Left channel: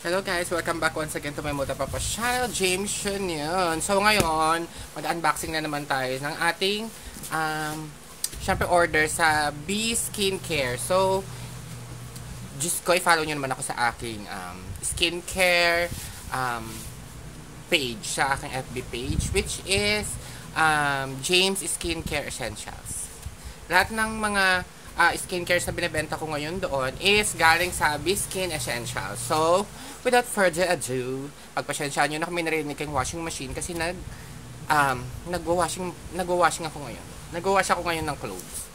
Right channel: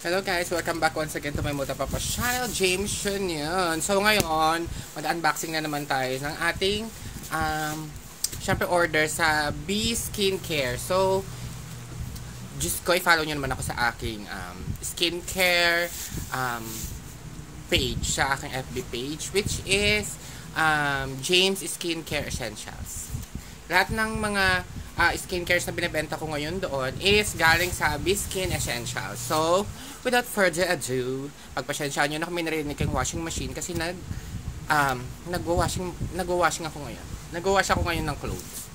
Hello guys, welcome back once again to my Muta Papa channel, James Sean yun. So ngayon, mag-unboxing na naman tayo ng ating syempre order sa B Skincare. So, just ko, i-follow nyo naman ako sa aking skincare page, sa aking FB page, which is James Skincare Essentials. Lahat ng mga skincare sa binibenta ko ngayon doon is galing sa B-Skin Essentials. So, without further ado, pagpasensyaan nyo na kami narinig kayong washing machine kasi nagwa-washing ako ngayon. Nagwa-wash ako ngayon ng clothes.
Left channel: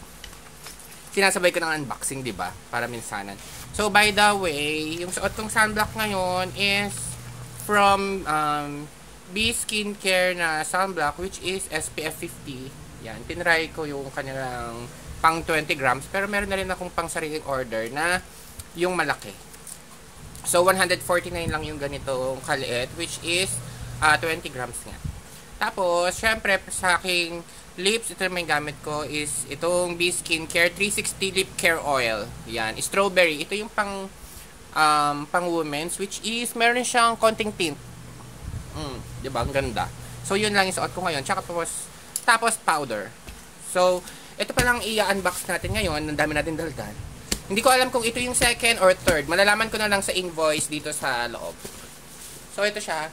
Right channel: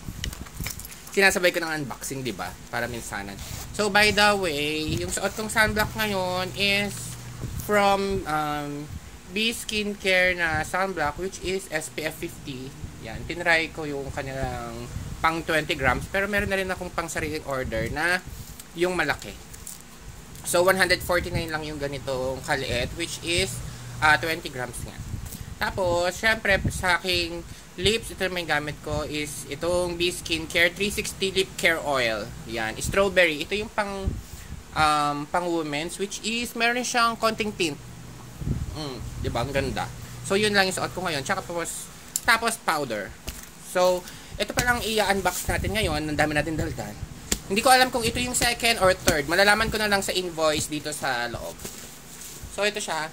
Sinasabay ko ng unboxing, di ba? Para minsanan. So, by the way, yung suot kong sunblock ngayon is from B Skincare na sunblock, which is SPF 50. Yan, tinry ko yung kanilang pang 20 grams, pero meron na rin akong pang sariling order na yung malaki. So, 149 lang yung ganitong kaliit, which is 20 grams nga. Tapos, syempre, sa aking lips, ito may gamit ko is itong B Skincare 360 Lip Care Oil. Yan, strawberry. Ito yung pang women's, which is meron siyang konting tint. Diba? Ang ganda. So, yun lang yung suot ko ngayon. Tsaka tapos powder. So, ito pa lang i-unbox natin ngayon. Ang dami natin daldan. Hindi ko alam kung ito yung second or third. Malalaman ko na lang sa invoice dito sa loob. So, ito siya.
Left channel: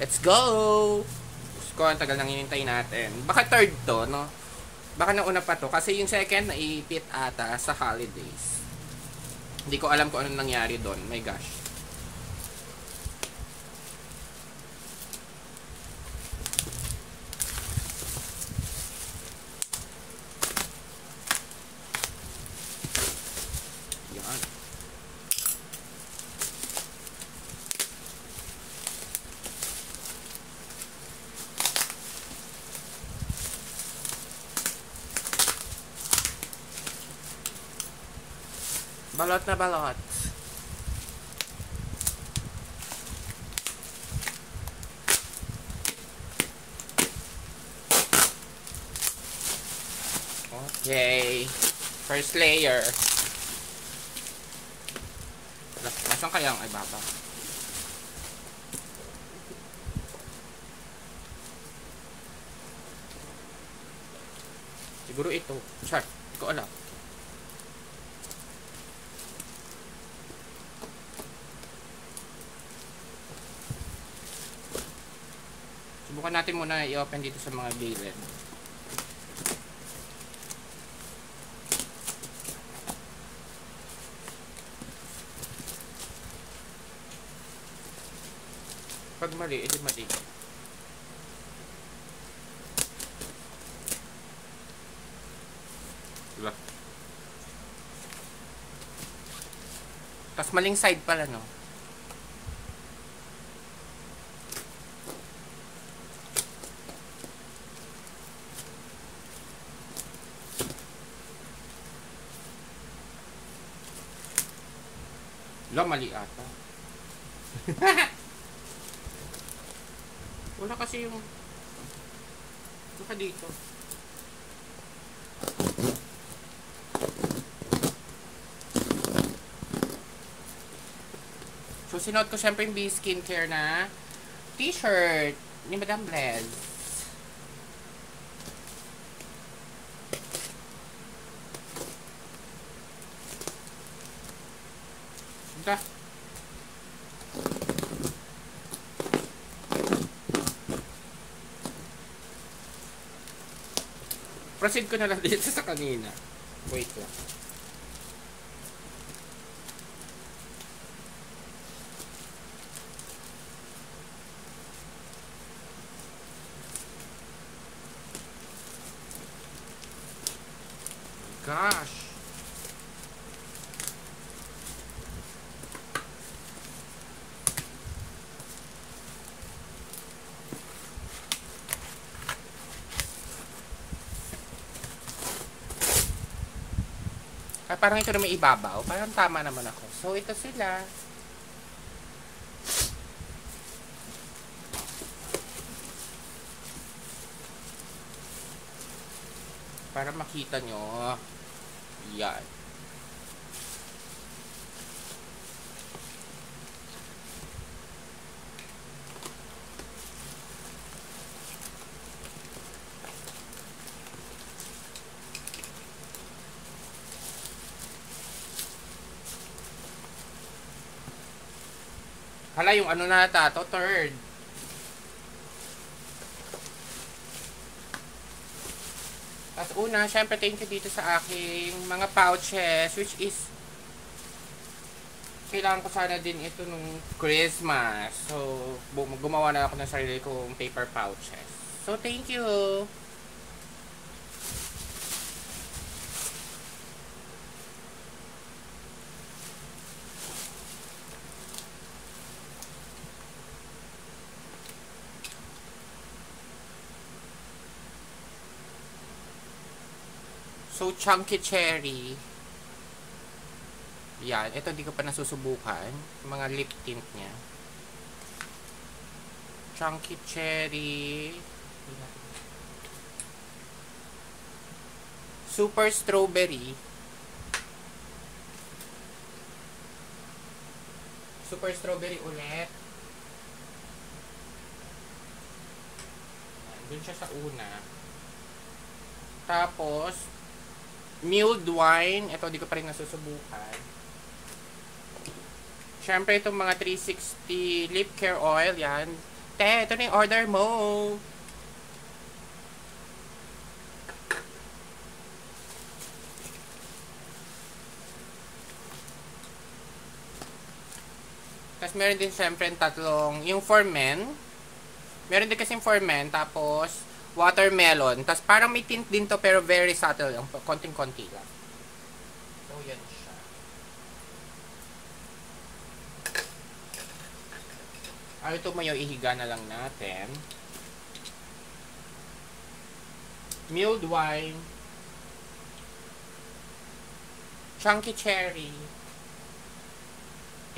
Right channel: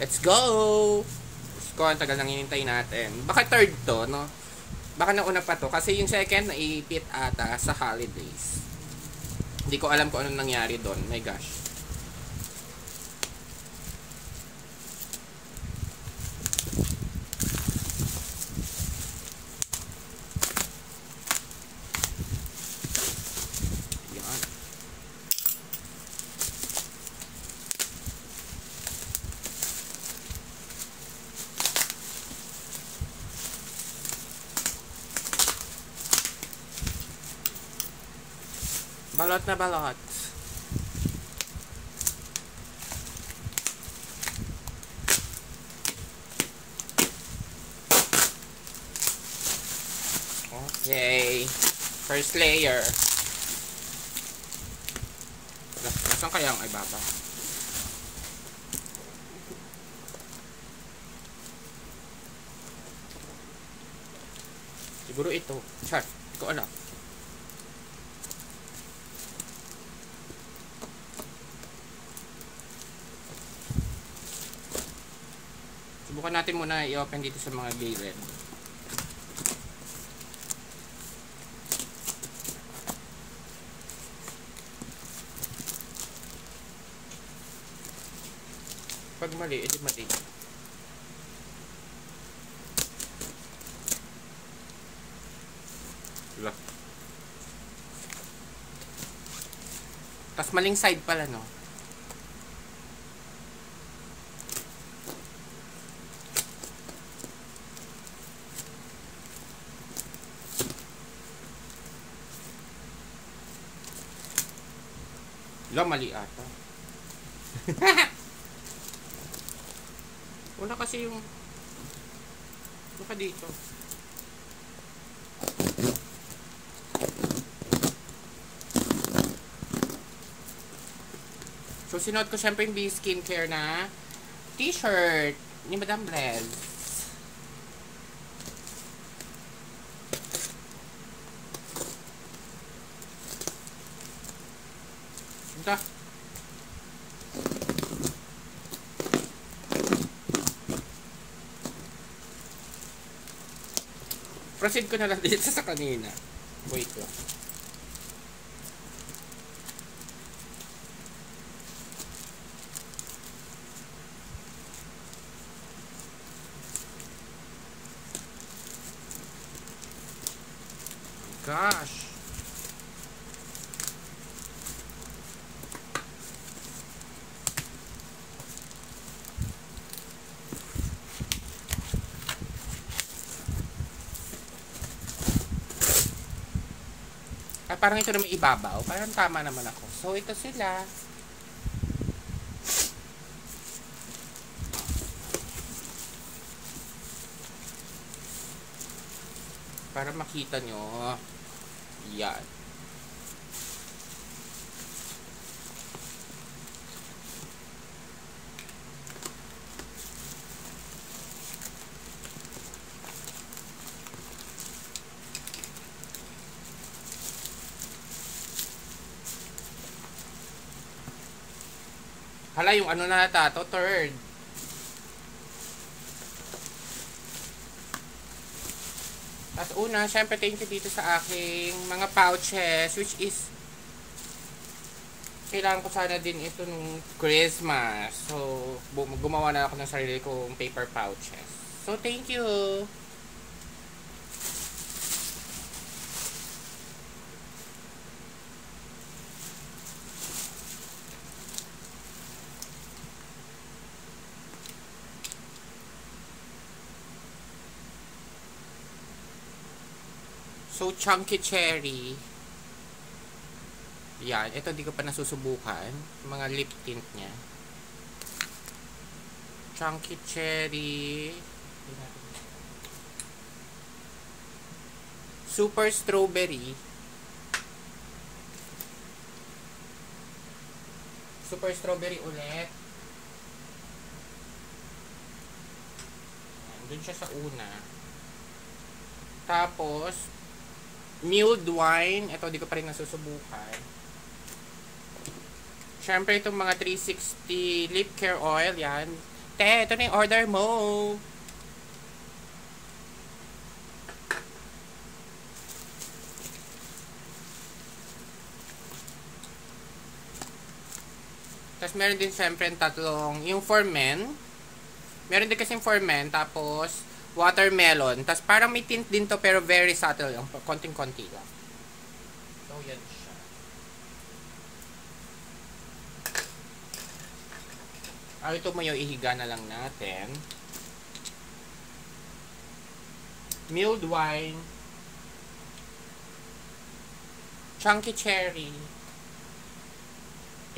Let's go! Ko, ang tagal nang hinintay natin. Baka third to, no? Baka nauna pa to. Kasi yung second, naipit ata sa holidays. Hindi ko alam kung anong nangyari doon. My gosh. Balot na balot. Okay. First layer. Nasaan kaya ang ibaba? Siguro ito. Chart. Hindi ko alam. Subukan natin muna i-open dito sa mga gilid. Pag mali, edi mali. Diba? Tapos maling side pala, no? Mali ata. Wala kasi yung baka dito. So, sinuot ko siyempre yung B Skincare na t-shirt ni Madam Blez. Ito. Proceed ko na lang dito sa kanina. Wait lang. Gosh. Ay, parang ito na may ibabaw. Parang tama naman ako. So, ito sila. para makita nyo. Yan. Hala, yung ano na ata to, third. At una, syempre thank you dito sa aking mga pouches, which is kailangan ko sana din ito nung Christmas. So, gumawa na ako ng sarili kong paper pouches. So, thank you! So, chunky cherry. Yan. Ito, di ko pa nasusubukan. Mga lip tint niya. Chunky cherry. Super strawberry. Super strawberry ulit. Yan. Dun siya sa una. Tapos, mulled wine. Ito, di ko pa rin nasusubukan. Siyempre, itong mga 360 lip care oil. Yan. Te, ito na yung order mo. Tapos, meron din siyempre tatlong, yung for men. Meron din kasing for men. Tapos, watermelon. Tapos parang may tint din to pero very subtle lang. Konting-konti lang. So, yan siya. Ito mo yung ihiga na lang natin. Mulled wine. Chunky cherry.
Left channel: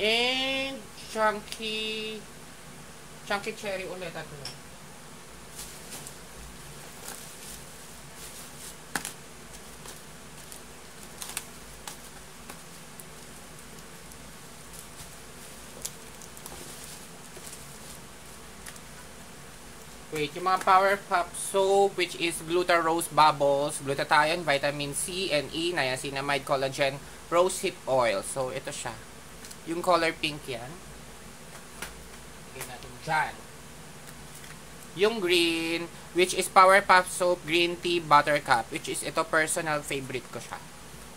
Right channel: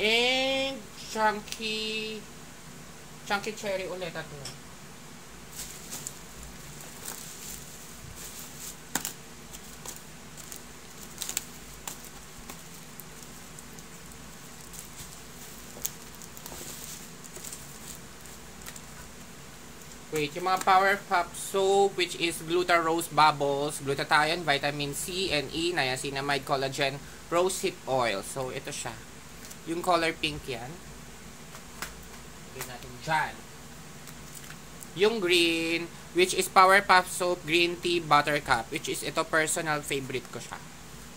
And chunky cherry ulit at lang. Wait, yung mga Powerpuff Soap, which is Glutarose Bubbles, Glutathione, Vitamin C and E, Niacinamide, Collagen, Rosehip Oil. So, ito siya. Yung color pink yan. Lagyan natin dyan. Yung green, which is Powerpuff Soap Green Tea Buttercup, which is ito personal favorite ko siya.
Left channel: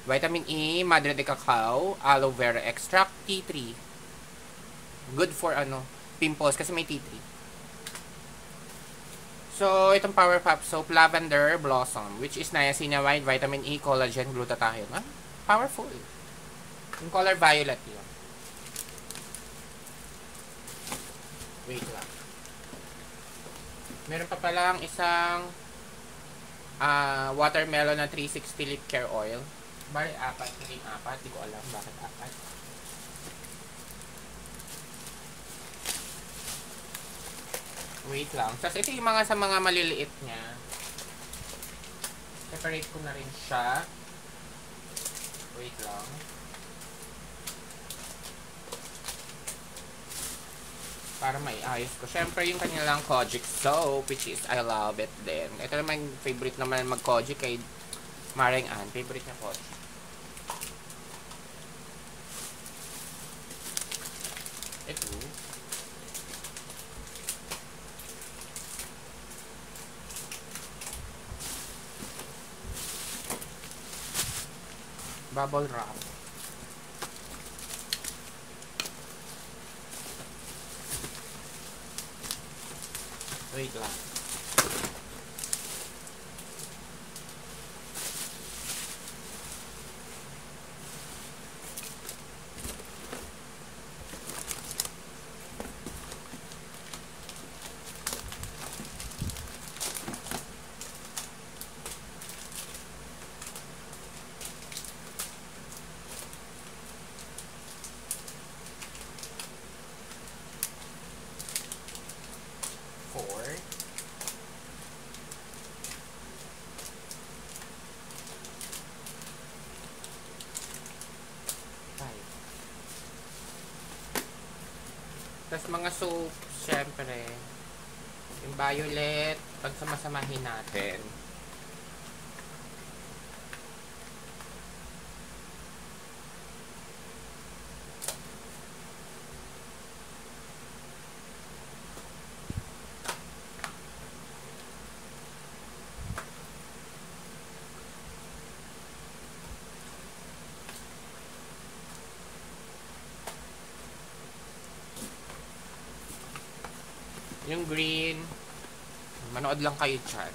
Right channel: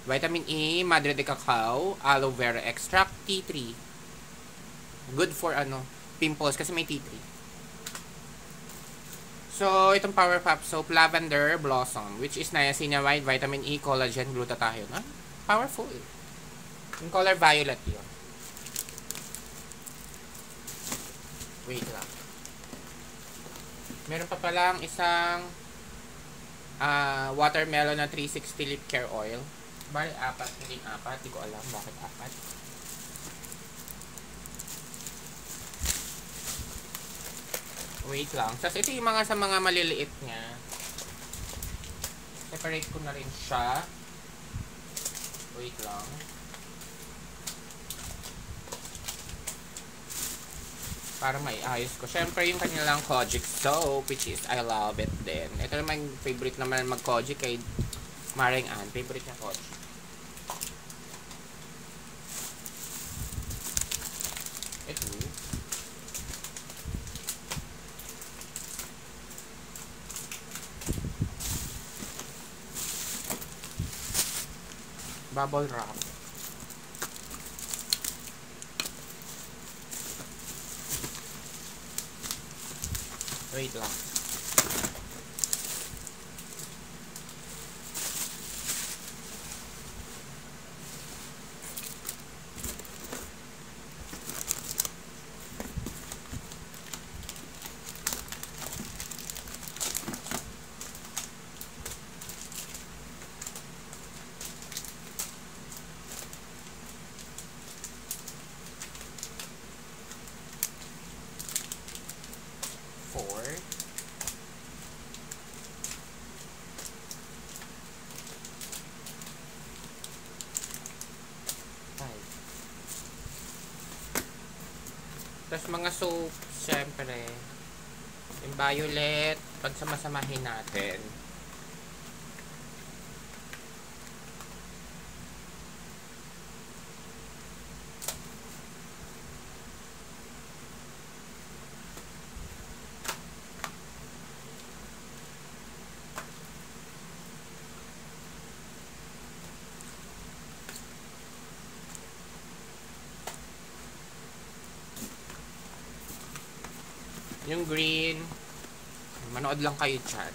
Vitamin E, Madre de Cacao, Aloe Vera Extract, tea tree. Good for pimples kasi may tea tree. So, itong Powerpuff Soap, Lavender Blossom, which is niacinamide, Vitamin E, Collagen, Glutathione. Powerful. Yung color violet yun. Wait lang. Meron pa palang isang watermelon na 360 lip care oil. Bali, 4. Hindi 4. Hindi ko alam bakit 4. Wait lang. Tapos ito yung mga sa mga maliliit niya. Separate ko na rin siya. Wait lang. Para maiayos ko. Siyempre yung kanilang Kojic soap, which is I love it din. Ito naman favorite naman mag-Kojic kay Maring Ann. Favorite niya Kojic. Ito. Bubble wrap. Wait lang. Tapos mga soap, syempre, yung violet, pagsamasamahin natin. Yung green, manood lang kayo dyan.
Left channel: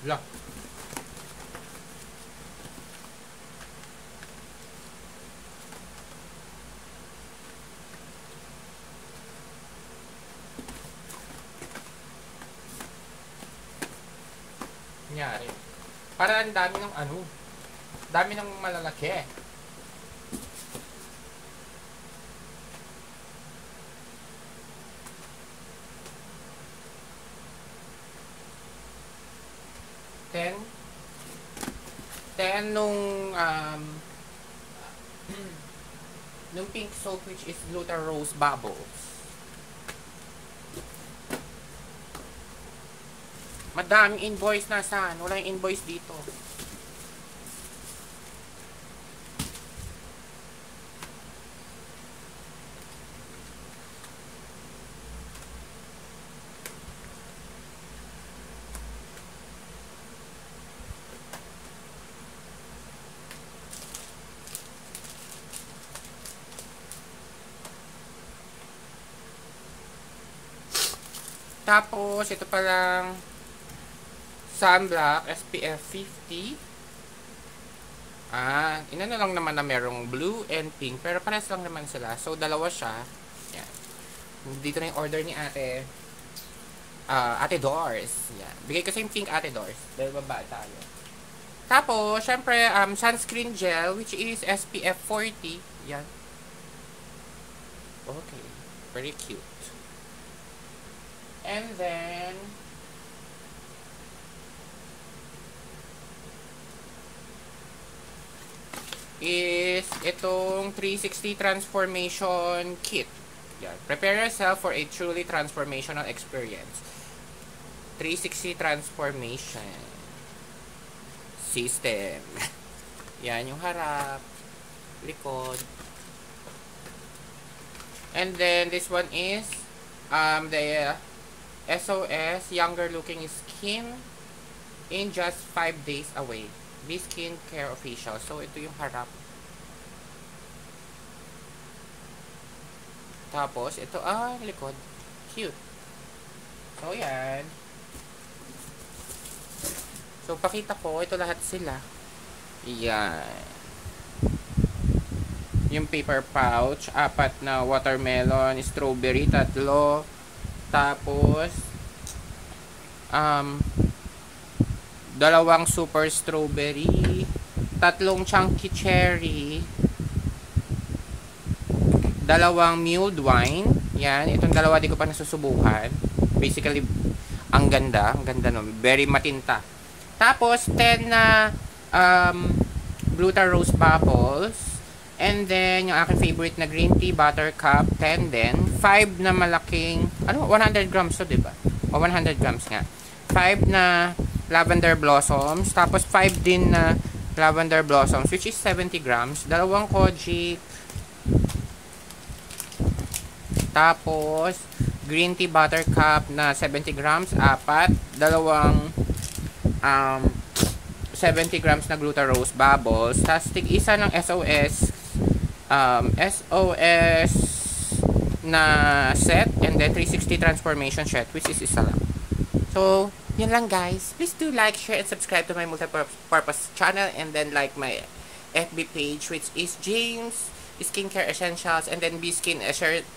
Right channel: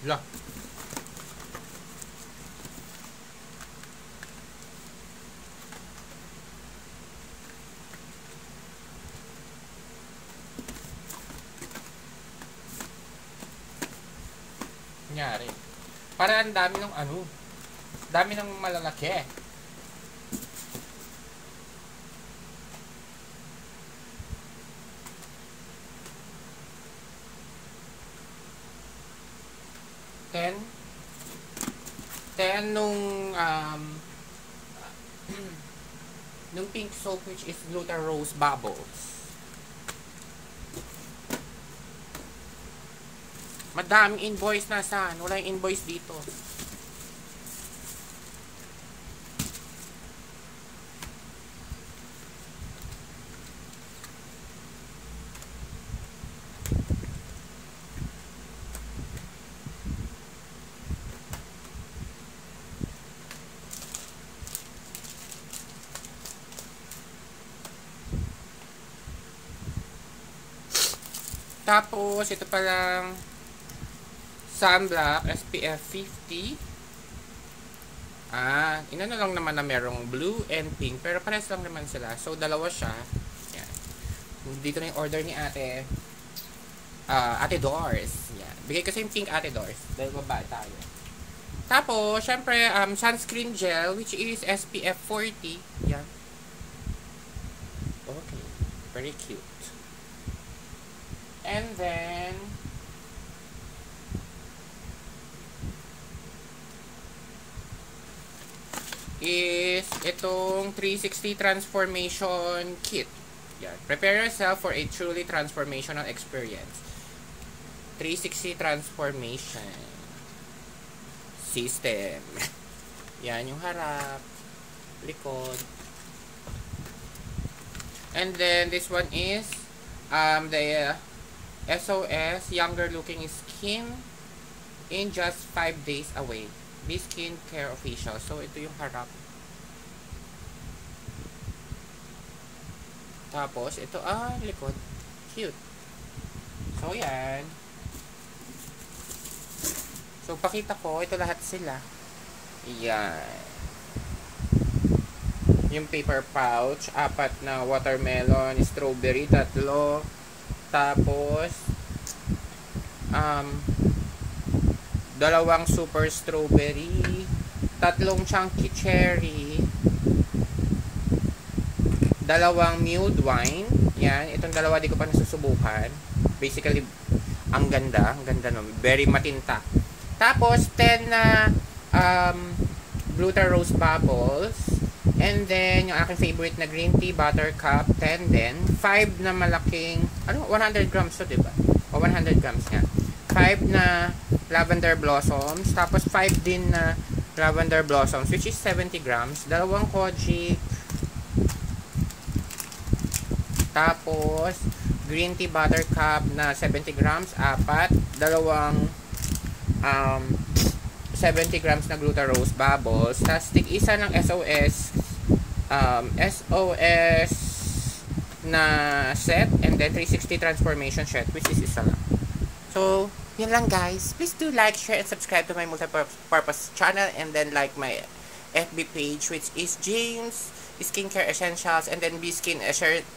La. Nangyari. Para ang dami ng ano. Dami ng malalaki. Then nung nung pink soap which is Glutarose Bubbles. Madaming invoice na saan. Wala yung invoice dito. Tapos, ito parang sunblock, SPF 50. Inano lang naman na merong blue and pink. Pero pares lang naman sila. So, dalawa siya. Yan. Dito na yung order ni ate. Ate Doors. Yan. Bigay ko sa yung pink Ate Doors. Dahil babae tayo. Tapos, syempre, sunscreen gel, which is SPF 40. Yan. Okay. Very cute. And then, is itong 360 transformation kit. Yan. Prepare yourself for a truly transformational experience. 360 transformation system. Yan yung harap, likod. And then this one is the SOS Younger Looking Skin in just 5 days away. This skincare official. So, ito yung harap. Tapos, ito, likod. Cute. So, yan. So, pakita ko. Ito lahat sila. Yan. Yung paper pouch. 4 na watermelon. Strawberry. 3. Tapos, 2 super strawberry, 3 chunky cherry, 2 mulled wine. Yan, itong dalawa di ko pa nasusubukan. Basically, ang ganda no, very matinta. Tapos 10 na Glutarose Bubbles, and then yung aking favorite na green tea buttercup, 10 din. 5 na malaking, 100 grams to, diba? O 100 grams nga. 5 na lavender blossoms, tapos 5 din na lavender blossoms, which is 70 grams, 2 Kojic, tapos green tea buttercup na 70 grams, 4, 2 70 grams na Glutarose Bubbles, tapos tig-isa ng SOS na set, and then 360 transformation set, which is isa lang. So, yun lang guys. Please do like, share, and subscribe to my multi-purpose channel, and then like my FB page, which is James Skincare Essentials, and then B-Skin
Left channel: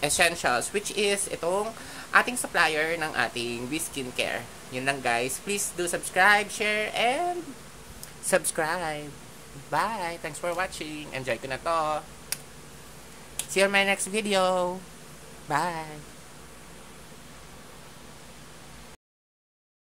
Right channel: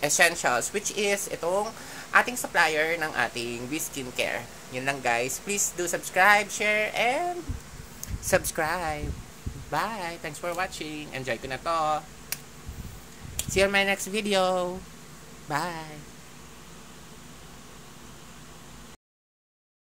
Essentials, which is itong ating supplier ng ating B-Skincare. Yun lang guys. Please do subscribe, share, and subscribe. Bye! Thanks for watching. Enjoy ko na to. See you in my next video. Bye!